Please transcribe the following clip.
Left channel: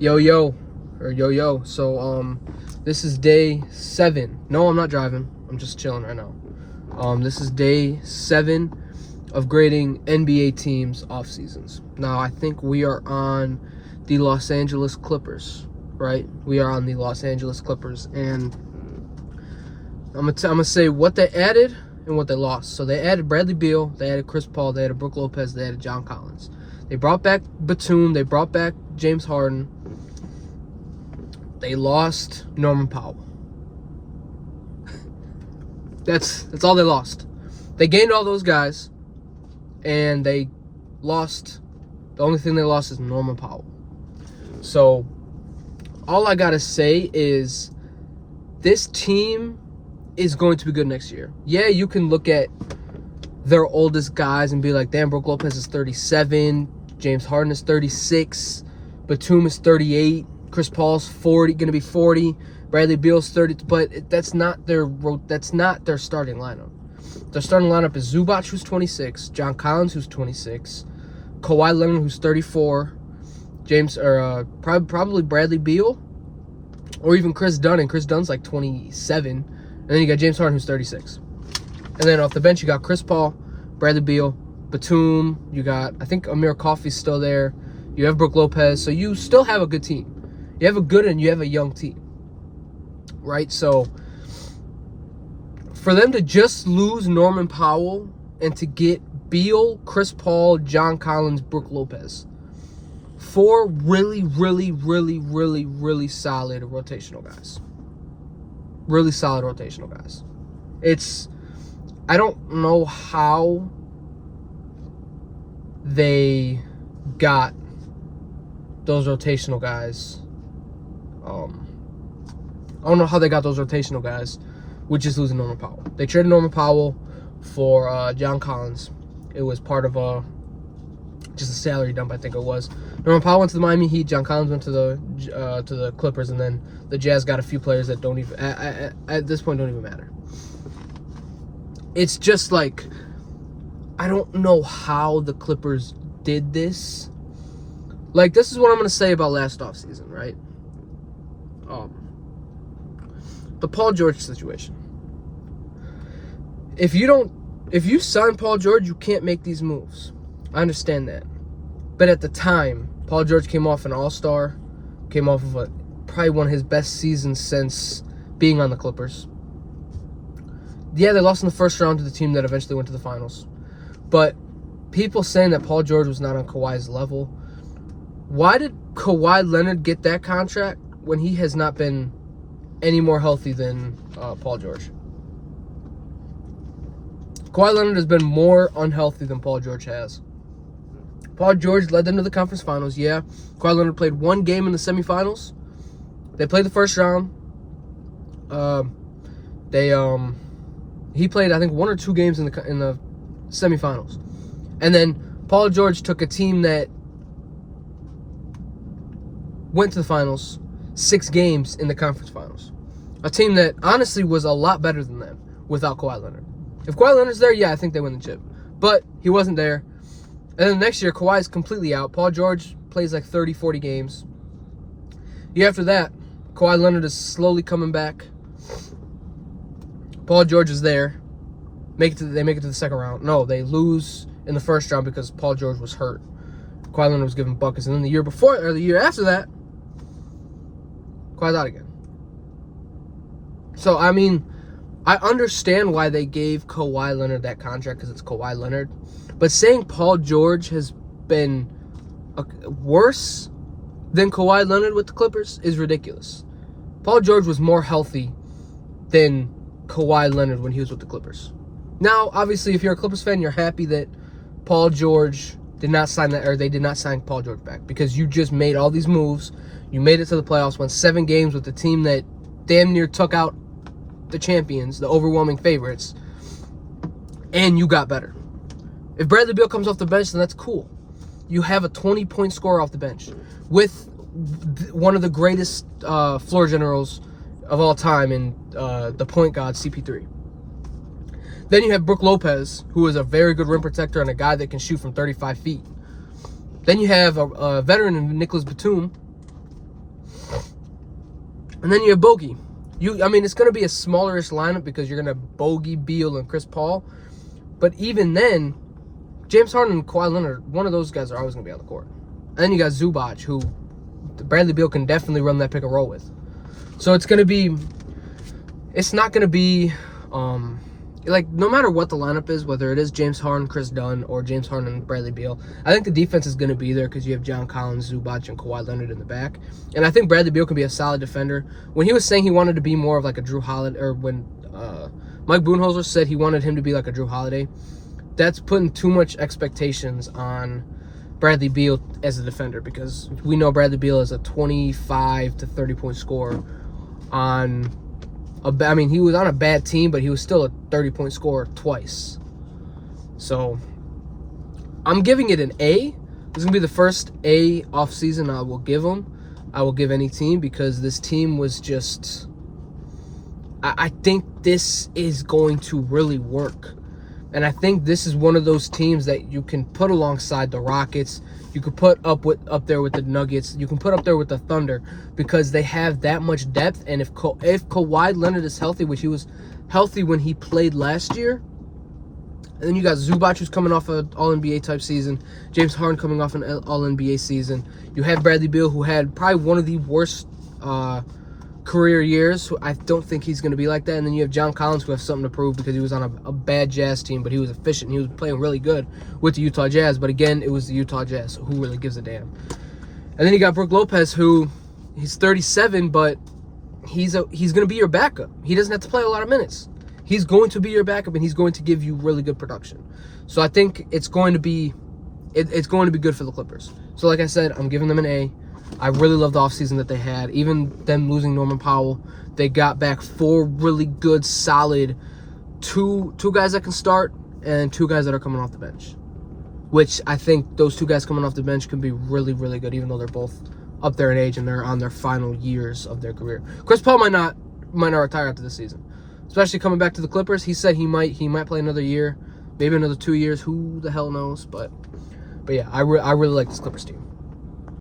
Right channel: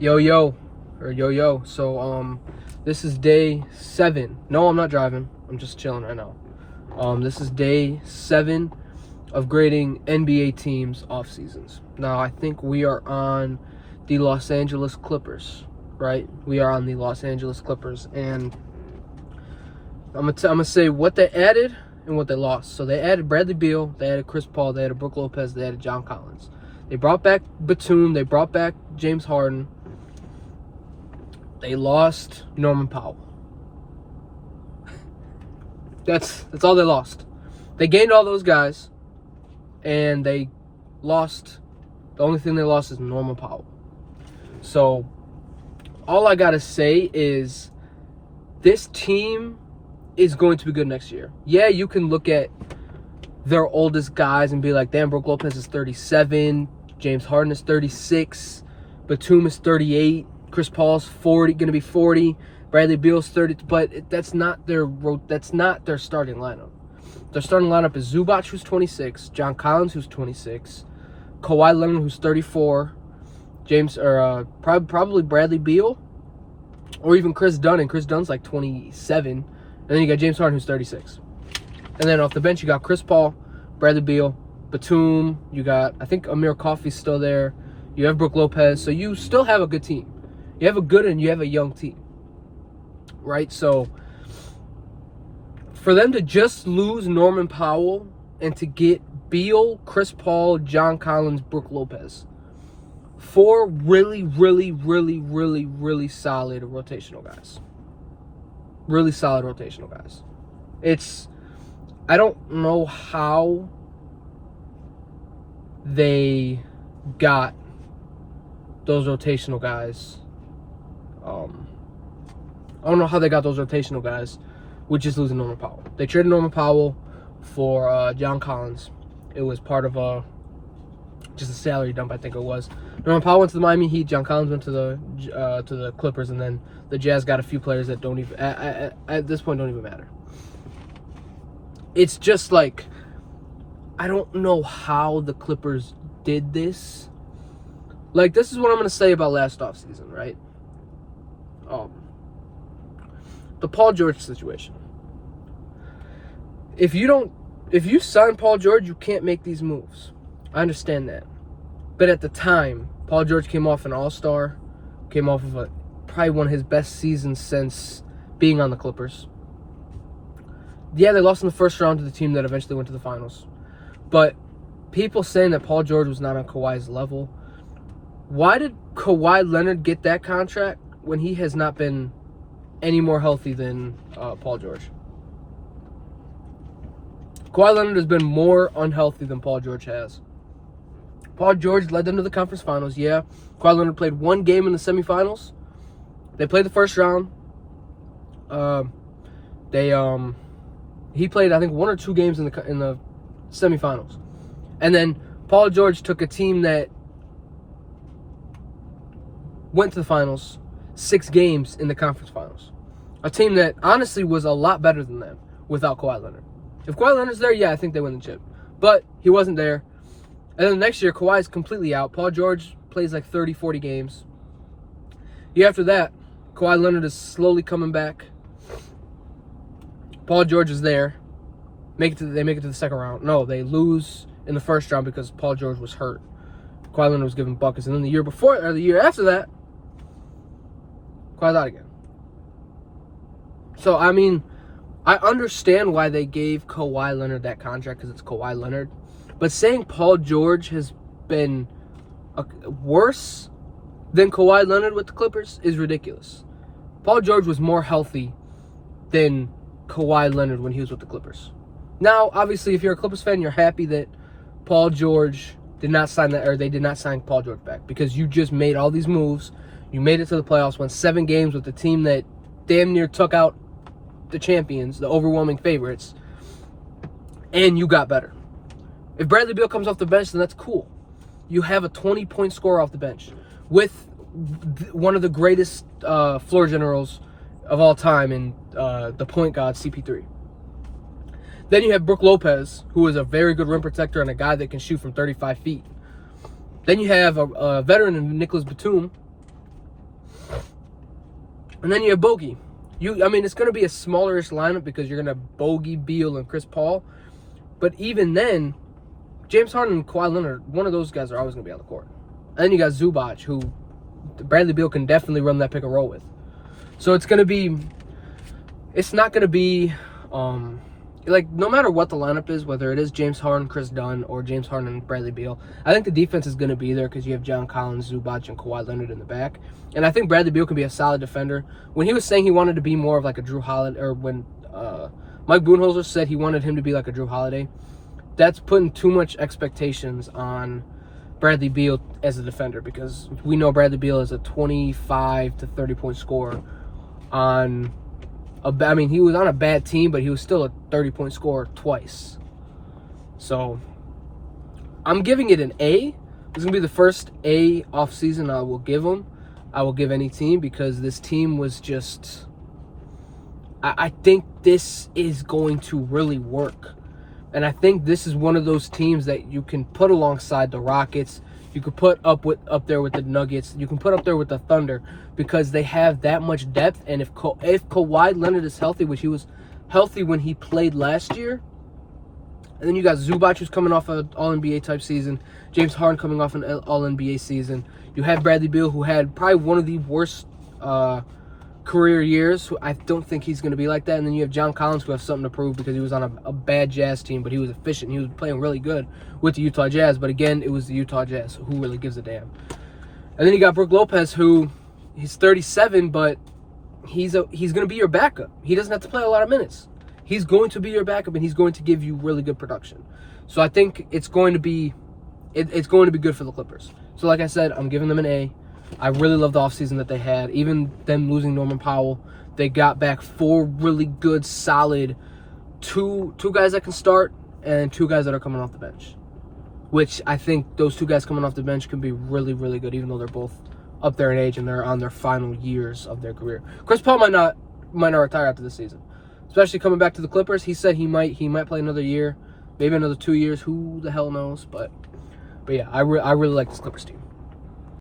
Yo. So this is day 7. No, I'm not driving. I'm just chilling right now. This is day 7 of grading NBA teams off seasons. Now I think we are on the Los Angeles Clippers, right? We are on the Los Angeles Clippers, and I'm gonna say what they added and what they lost. So they added Bradley Beal, they added Chris Paul, they added Brook Lopez, they added John Collins. They brought back Batum, they brought back James Harden. They lost Norman Powell. That's all they lost. They gained all those guys, and they lost. The only thing they lost is Norman Powell. So all I gotta say is this team is going to be good next year. Yeah, you can look at their oldest guys and be like, damn, Brook Lopez is 37, James Harden is 36, Batum is 38, Chris Paul's 40, going to be 40, Bradley Beal's 30, but that's not their starting lineup. Their starting lineup is Zubac, who's 26, John Collins, who's 26, Kawhi Leonard, who's 34, probably Bradley Beal, or even Chris Dunn, and Chris Dunn's like 27, and then you got James Harden, who's 36. And then off the bench, you got Chris Paul, Bradley Beal, Batum. You got, I think, Amir Coffey's still there. You have Brook Lopez. So you still have a good team. You have a good and you have a young team, right? So for them to just lose Norman Powell and to get Beal, Chris Paul, John Collins, Brook Lopez, 4 really solid rotational guys. Really solid rotational guys. I don't know how they got those rotational guys. I don't know how they got those rotational guys with just losing Norman Powell. They traded Norman Powell for John Collins. It was part of just a salary dump, I think it was. Norman Powell went to the Miami Heat. John Collins went to the Clippers, and then the Jazz got a few players that don't even at this point don't even matter. It's just like, I don't know how the Clippers did this. Like, this is what I'm going to say about last offseason, right? The Paul George situation. If you sign Paul George, you can't make these moves. I understand that. But at the time, Paul George came off an all-star, came off of probably one of his best seasons since being on the Clippers. Yeah, they lost in the first round to the team that eventually went to the finals. But people saying that Paul George was not on Kawhi's level. Why did Kawhi Leonard get that contract when he has not been any more healthy than Paul George? Kawhi Leonard has been more unhealthy than Paul George has. Paul George led them to the conference finals, yeah. Kawhi Leonard played 1 game in the semifinals. They played the first round. He played, I think, 1 or 2 games in the semifinals. And then Paul George took a team that went to the finals, 6 games in the conference finals. A team that honestly was a lot better than them without Kawhi Leonard. If Kawhi Leonard's there, yeah, I think they win the chip. But he wasn't there. And then the next year, Kawhi's completely out. Paul George plays like 30, 40 games. Year after that, Kawhi Leonard is slowly coming back. Paul George is there. They make it to the second round. No, they lose in the first round because Paul George was hurt. Kawhi Leonard was giving buckets. And then the year after that, Kawhi's out again. So, I mean, I understand why they gave Kawhi Leonard that contract because it's Kawhi Leonard. But saying Paul George has been worse than Kawhi Leonard with the Clippers is ridiculous. Paul George was more healthy than Kawhi Leonard when he was with the Clippers. Now, obviously, if you're a Clippers fan, you're happy that Paul George did not sign that, or they did not sign Paul George back, because you just made all these moves. You made it to the playoffs, won 7 games with the team that damn near took out the champions, the overwhelming favorites, and you got better. If Bradley Beal comes off the bench, then that's cool. You have a 20-point scorer off the bench with one of the greatest floor generals of all time in the point guard, CP3. Then you have Brook Lopez, who is a very good rim protector and a guy that can shoot from 35 feet. Then you have a veteran in Nicholas Batum, And then you have Bogey. It's going to be a smallerish lineup because you're going to have Bogey, Beal, and Chris Paul. But even then, James Harden and Kawhi Leonard, one of those guys are always going to be on the court. And then you got Zubac, who Bradley Beal can definitely run that pick and roll with. So it's not going to be, no matter what the lineup is, whether it is James Harden, Chris Dunn, or James Harden and Bradley Beal, I think the defense is going to be there because you have John Collins, Zubac, and Kawhi Leonard in the back. And I think Bradley Beal can be a solid defender. When he was saying he wanted to be more of like a Drew Holiday, or when Mike Budenholzer said he wanted him to be like a Drew Holiday, that's putting too much expectations on Bradley Beal as a defender, because we know Bradley Beal is a 25 to 30 point scorer on he was on a bad team, but he was still a 30 point scorer twice. So I'm giving it an A. This is going to be the first A off season I will give him. I will give any team, because this team was just, I think this is going to really work. And I think this is one of those teams that you can put alongside the Rockets. You could put up there with the Nuggets. You can put up there with the Thunder, because they have that much depth. And if Kawhi Leonard is healthy, which he was healthy when he played last year, and then you got Zubac, who's coming off an All-NBA type season, James Harden coming off an All-NBA season. You have Bradley Beal, who had probably one of the worst career years. I don't think he's going to be like that. And then you have John Collins, who has something to prove, because he was on a bad Jazz team, but he was efficient. He was playing really good with the Utah Jazz. But again, it was the Utah Jazz, so who really gives a damn? And then you got Brook Lopez, who he's 37, but he's going to be your backup. He doesn't have to play a lot of minutes. He's going to be your backup, and he's going to give you really good production. So I think it's going to be good for the Clippers. So like I said, I'm giving them an A. I really love the offseason that they had. Even them losing Norman Powell, they got back 4 really good, solid, two guys that can start and 2 guys that are coming off the bench. Which I think those 2 guys coming off the bench can be really, really good, even though they're both up there in age and they're on their final years of their career. Chris Paul might not retire after this season, especially coming back to the Clippers. He said he might play another year, maybe another 2 years. Who the hell knows? But yeah, I really like this Clippers team.